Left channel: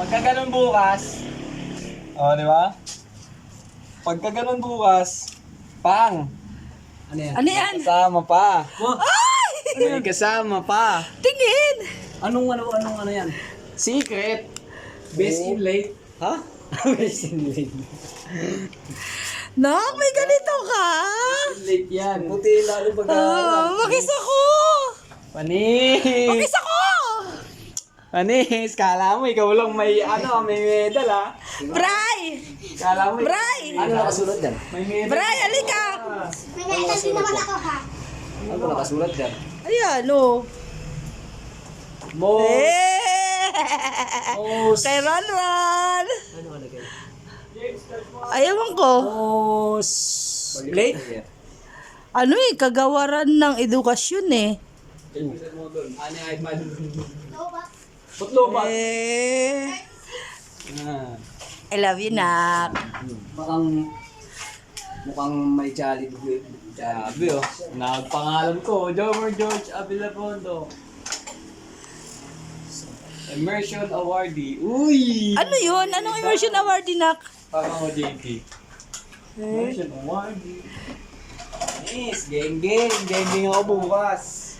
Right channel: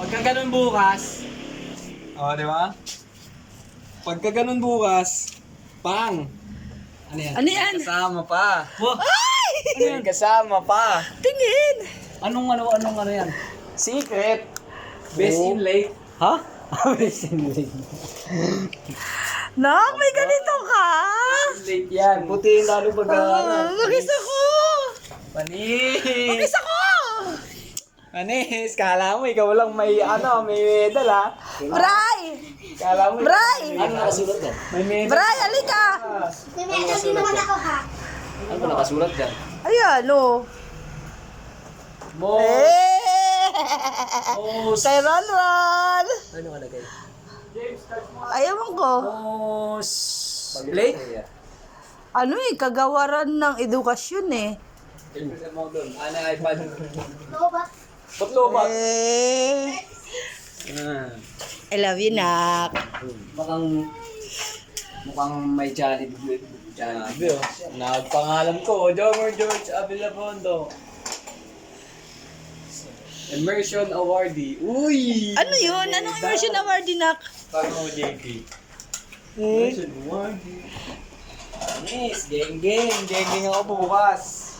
Pagka ganun bukas, di ba? Pagka ganun bukas, pang. Ano yan? Ano yan? May kasama pa. Ay! May kasama pa. Tingin! Anong ano yan? Secret. Best in late. Ha? Best in late. Nak, may ganito ka? Late yan. Puti lalo pag Magis ako! Panis! Magis ako! Panis! Kala mo ikaw lang may may medal ha? Bray! Kala mo Bray! Ano nakasulat dyan? may medal. Bray, halika! May medal din naman ako ha. Ano ba nakasulat dyan? Ayan, oh. Most. Eh! Kay Ron Ron! Ano malagay? Ayawan ko. Most. Late? Ano kagawaran ng edukasyon eh. Mo doon. Ano yung iPad? Lobat. Putlo ba? Eh. I love you, Nak. Mukhang may jolly good. Sabi nagpangalan ko, Jomar George Abilapondo. Immersion awardee. Uy! Ano yun? Anong immersion award, Nak? Parang JT. Eh. Immersion awardee. Yes, geng ako bukas.